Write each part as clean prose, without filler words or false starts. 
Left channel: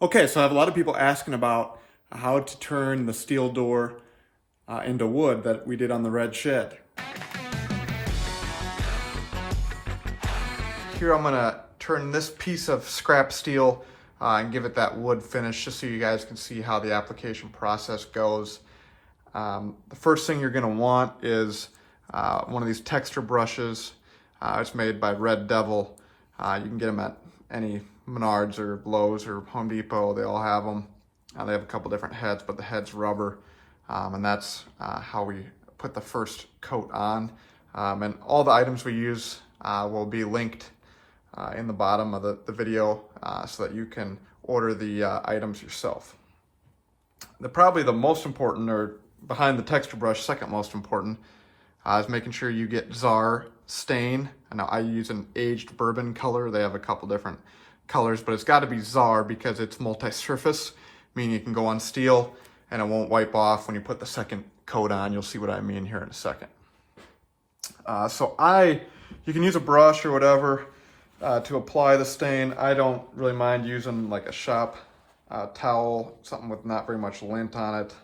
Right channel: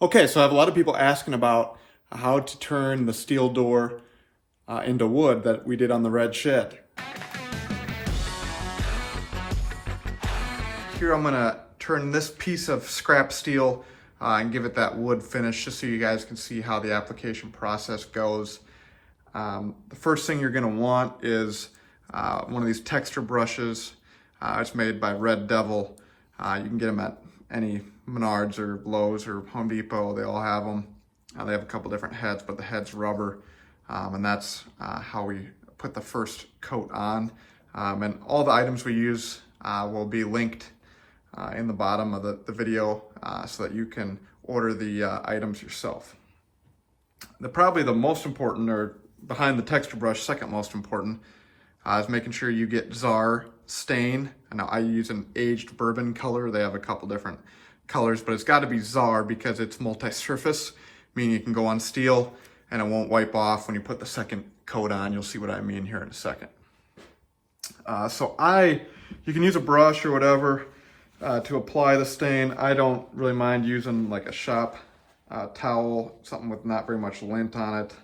Okay, so I have a lot of people asking about how to turn the steel door into wood that we did on the red shed. Here I'm gonna turn this piece of scrap steel and give it that wood finish just so you guys can see how the application process goes. The first thing you're gonna want is one of these texture brushes. It's made by Red Devil. You can get them at any Menards or Lowe's or Home Depot. They all have them. They have a couple different heads, but the head's rubber. And that's how we put the first coat on. And all the items we use will be linked in the bottom of the video so that you can order the items yourself. Probably the most important, or behind the texture brush, second most important, is making sure you get Zar Stain. I know I use an aged bourbon color. They have a couple different colors, but it's got to be Zar because it's multi-surface, meaning you can go on steel and it won't wipe off when you put the second coat on. You'll see what I mean here in a second. You can use a brush or whatever to apply the stain. I don't really mind using like a shop towel, something with not very much lint on it.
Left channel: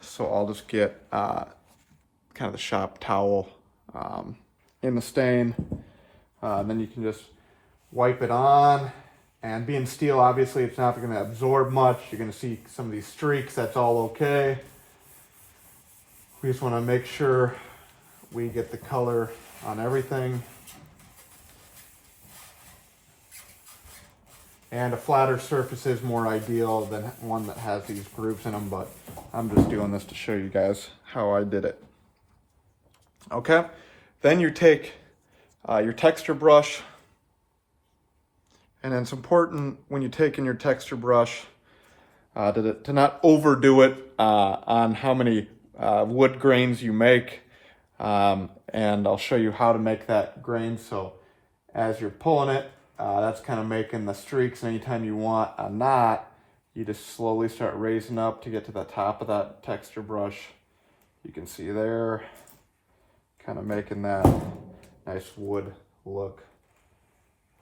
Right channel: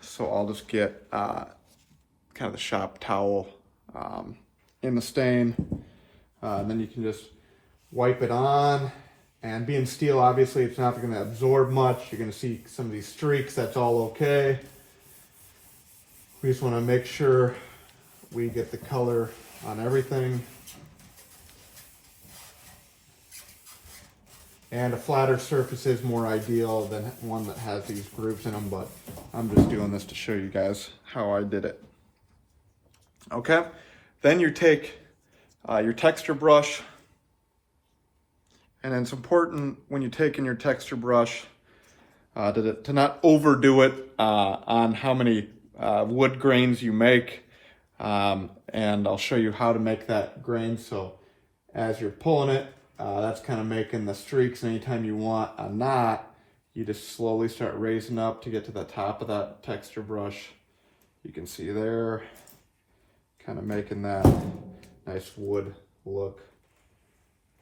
So I'll just get kind of the shop towel in the stain. And then you can just wipe it on. And being steel, obviously, it's not going to absorb much. You're going to see some of these streaks. That's all okay. We just want to make sure we get the color on everything. And a flatter surface is more ideal than one that has these grooves in them, but I'm just doing this to show you guys how I did it. Okay, then you take your texture brush, and it's important when you take in your texture brush to not overdo it on how many wood grains you make. And I'll show you how to make that grain. So as you're pulling it, that's kind of making the streaks. And anytime you want a knot, you just slowly start raising up to get to the top of that texture brush. You can see there, kind of making that nice wood look.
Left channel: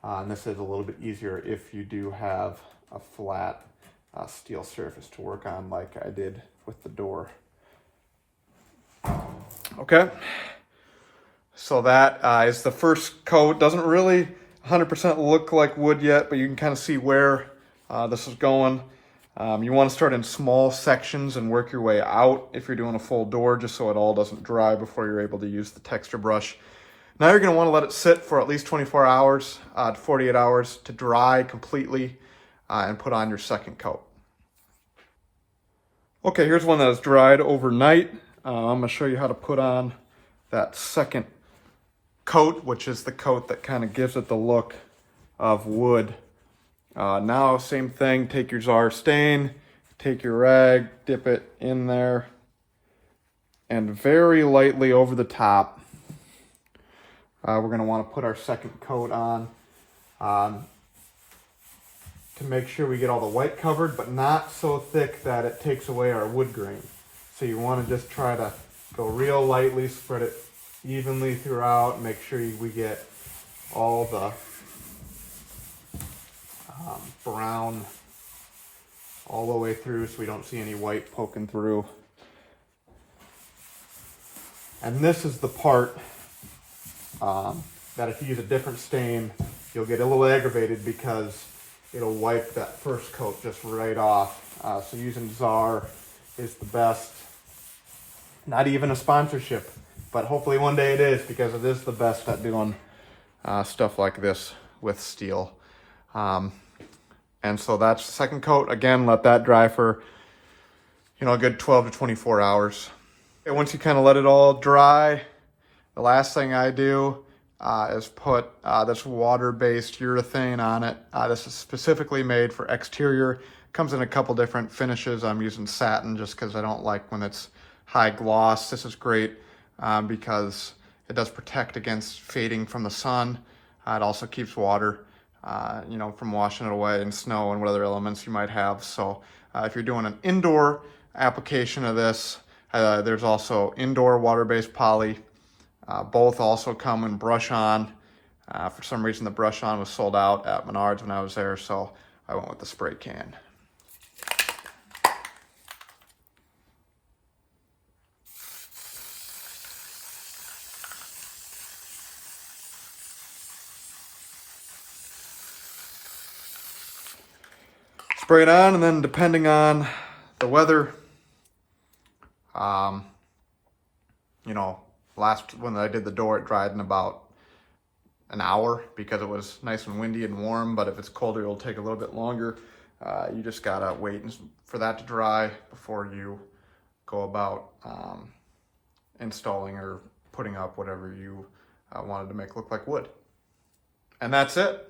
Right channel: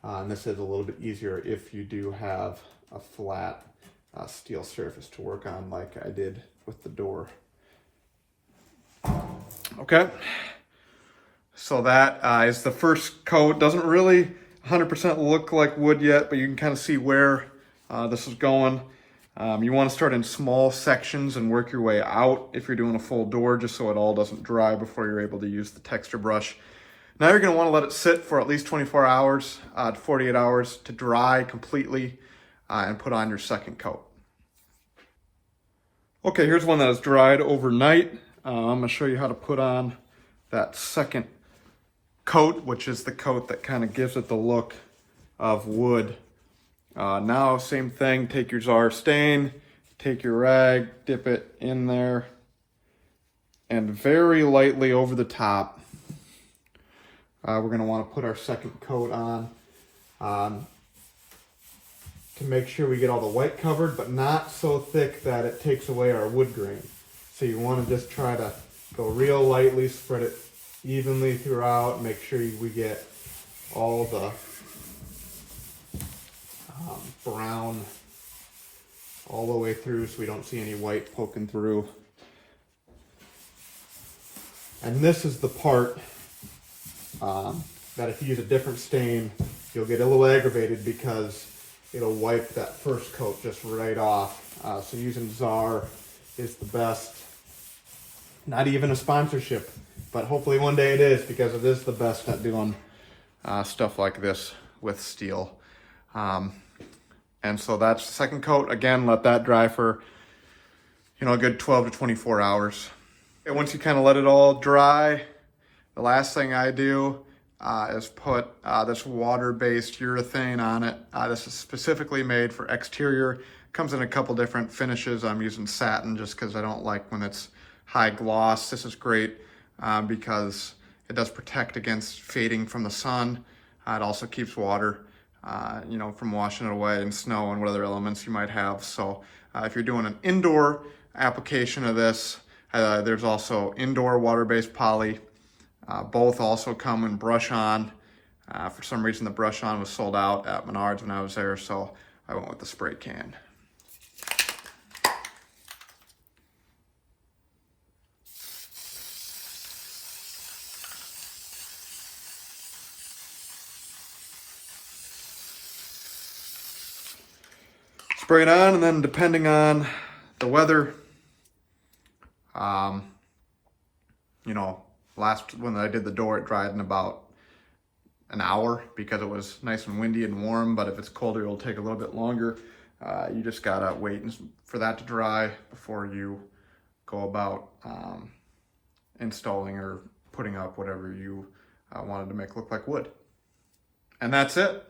And this is a little bit easier if you do have a flat steel surface to work on like I did with the door. Okay, so that is the first coat. Doesn't really 100% look like wood yet, but you can kind of see where this is going. You want to start in small sections and work your way out if you're doing a full door, just so it all doesn't dry before you're able to use the texture brush. Now you're going to want to let it sit for at least 24 hours to 48 hours to dry completely and put on your second coat. Okay, here's one that is dried overnight. I'm going to show you how to put on that second coat, which is the coat that kind of gives it the look of wood. Now, same thing, take your Zar Stain, take your rag, dip it in there, and very lightly over the top, we're going to want to put our second coat on to make sure we get all the white covered, but not so thick that it takes away our wood grain. So you want to just try to go real lightly, spread it evenly throughout, make sure we get all the brown all the way through so we don't see any white poking through. And this is the part that if you use a different stain, you'll get a little aggravated because it'll wipe that first coat just right off. So using Zar is the best. Not even a sponsorship, but hopefully one day it is, because it is the best at doing stuff like this with steel. And so that's the second coat. Again, let that dry for, a good 12 to 24 hours. And once you kind of let it all dry, the last thing I do is put this water-based urethane on it. This is specifically made for exterior. Comes in a couple different finishes. I'm using satin just because I don't like when it's high gloss. This is great because it does protect against fading from the sun. It also keeps water, from washing it away in snow and what other elements you might have. So if you're doing an indoor application of this, there's also indoor water-based poly. Both also come and brush on For some reason, the brush on was sold out at Menards when I was there, so I went with the spray can. Spray it on, and then depending on the weather, you know, when I did the door, it dried in about an hour because it was nice and windy and warm, but if it's colder, it'll take a little bit longer. You just gotta wait for that to dry before you go about installing or putting up whatever you wanted to make look like wood. And that's it.